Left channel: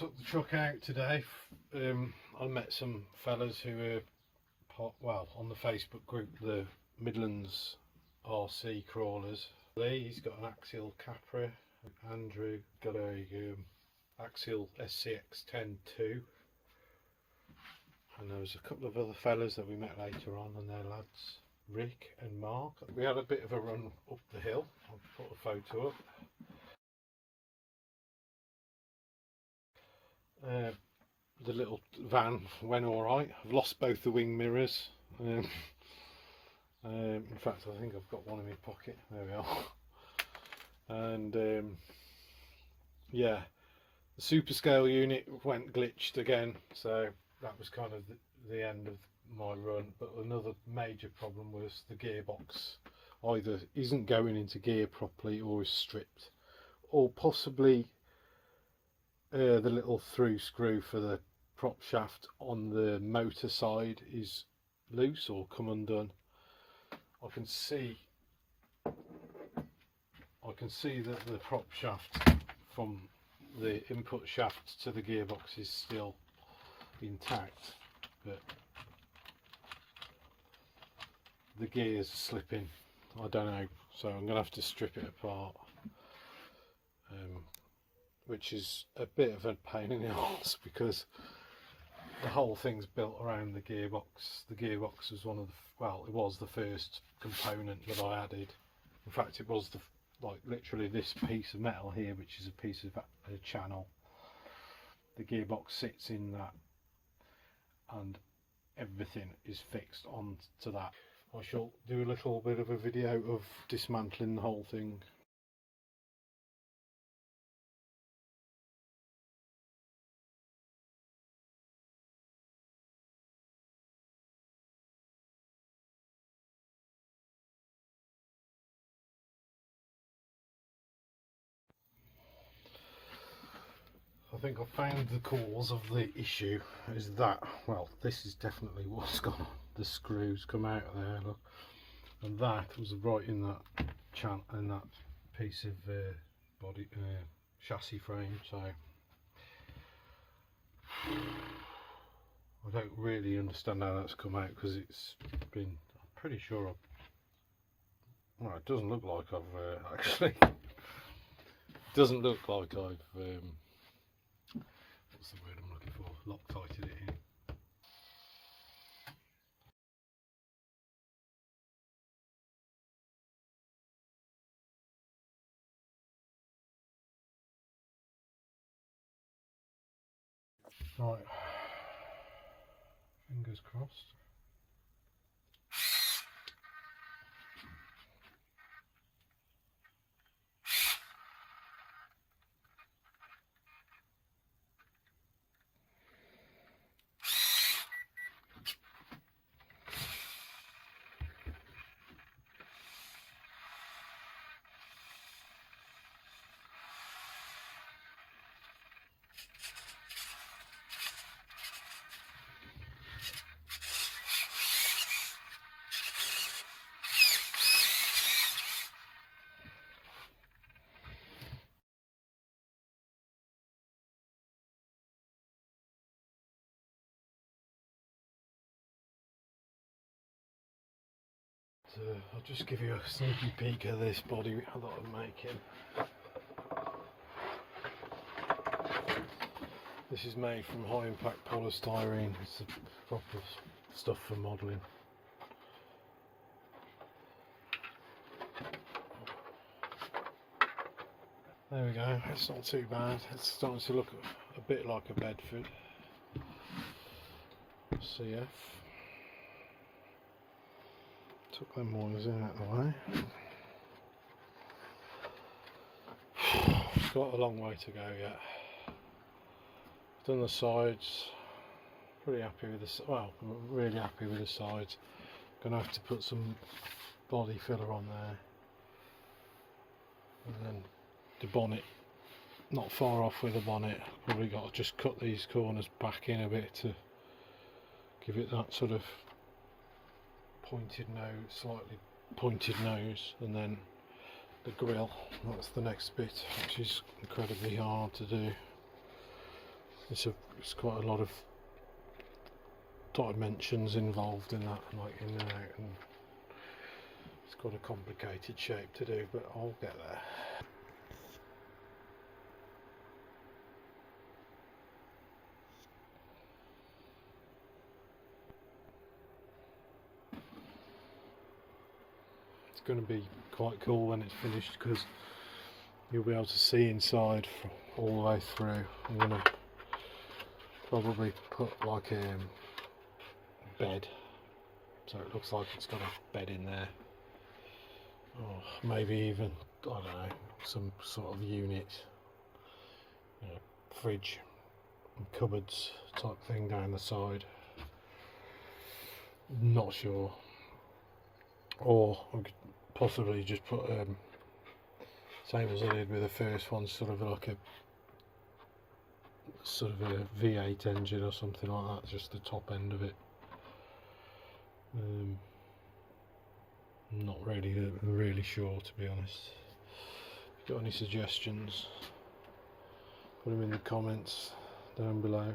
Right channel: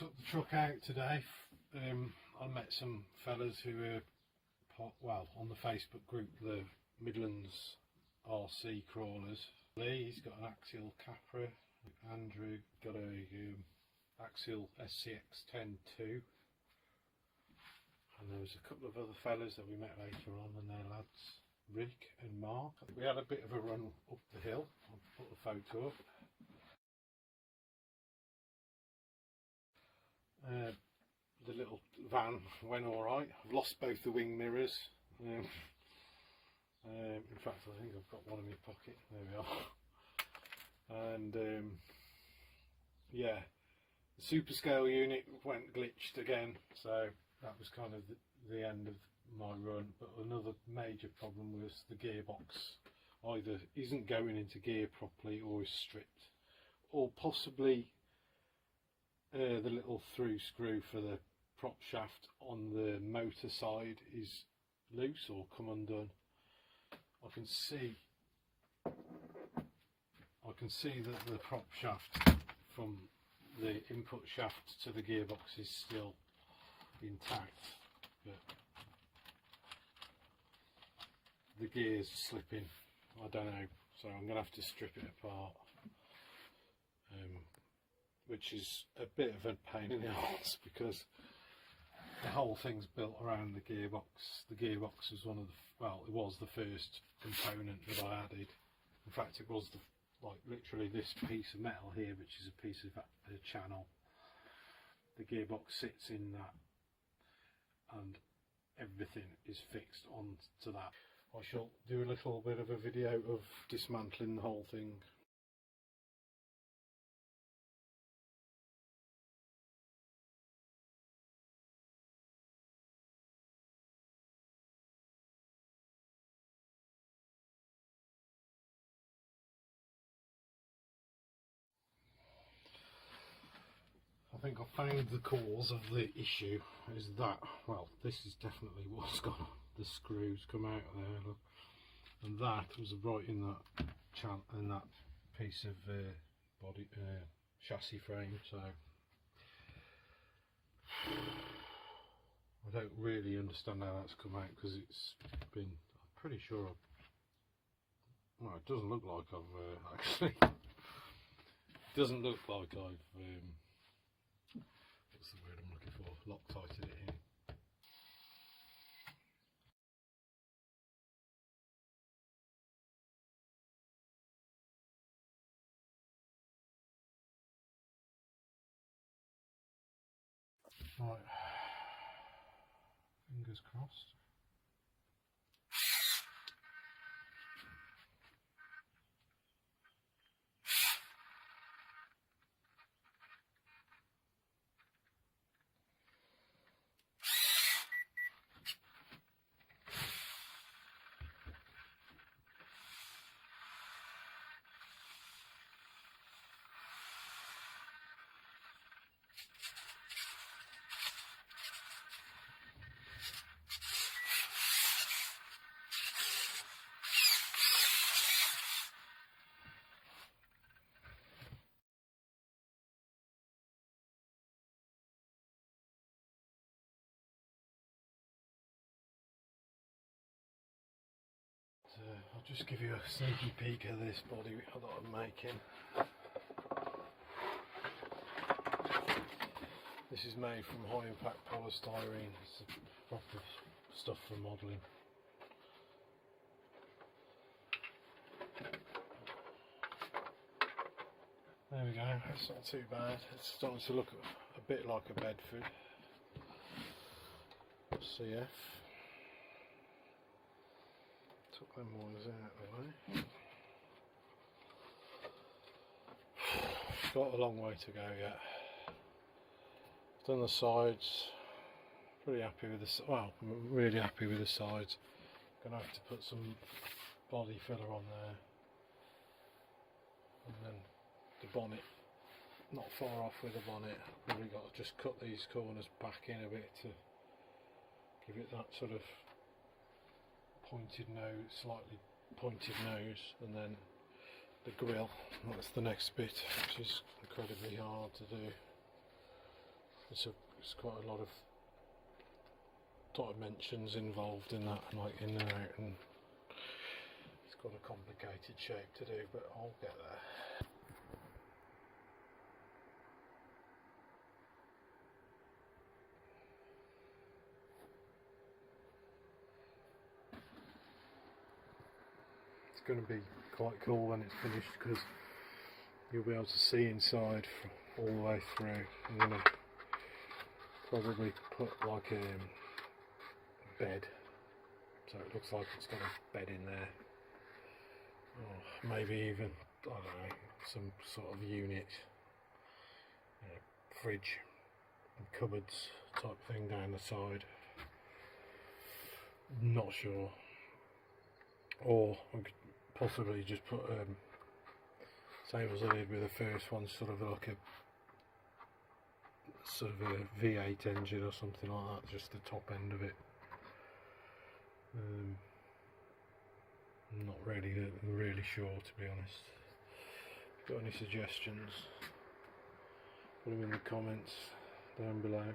took the truck out today. I met some fellas who were on the Facebook group, the Midlands RC Crawlers. He's got an axial Capra. Andrew got a axial SCX-10-2. And there was a couple of other fellas that we met later on, and their lads, Rick and Mark. We had a bit of a run up the hill. I'll put a photo up. The little van went alright. I've lost both the wing mirrors. In fact, I think I've got one in my pocket. There we are. And yeah, the super scale unit went glitched again, so that was kind of the end of my run. But another major problem was the gearbox either isn't going into gear properly or is stripped, or possibly the little through screw for the prop shaft on the motor side is loose or come undone. I can see that the prop shaft from the input shaft to the gearbox is still intact, but the gears are slipping. I don't know, so I'm gonna have to strip it apart, which is a bit of a pain in the arse because the whole thing's built around the gearbox. The gearbox was it was the first component that I added. In fact, it was literally this piece of metal here, which is a piece of a channel. The gearbox sits in that, and everything is fixed onto that. I shall do a little bit of a video of dismantling the whole thing. I think I found the cause of the issue is that, well, this is definitely what's gone on. The screws come out of there, look, and that was right in that piece of body chassis frame. So I don't really understand how that's come out, because it's been, I'm pretty sure well, it doesn't look like I've actually doesn't look like I've what's the word I'm looking for, Loctited it in. Right, fingers crossed. So I'll just give you a sneaky peek of this body that I'm making. This is made from high impact polystyrene. It's the proper stuff for modelling. There we go, it's not too bad. It's starting to look a bit like a Bedford CF. Took them wires in out of the way. It's got a long way to go yet. Done the sides. Pretty happy with really happy with the sides. Gonna have to put some body filler on there, and then the bonnet, not far off with the bonnet. Probably got to just cut these corners back in a bit to give it that sort of pointed nose, slightly pointed nose, and then the grille, that's the next bit, which is incredibly hard to do. it's quite a lot of dimensions involved in that, like in and out, and it's got a complicated shape to do, but I'll get there. It's going to be quite cool when it's finished, because you'll be able to see inside all the way through. I'm going to probably put like a bed, so it looks like it's got a bed in there, or maybe even, I don't know, some sort of unit, you know, fridge and cupboards type thing down the side. Not sure. Or I could possibly just put same as I did with the first one, sort of like a V8 engine or something like that, just the top end of it. I'm not really sure, to be honest. If you've got any suggestions, put them in the comments down below.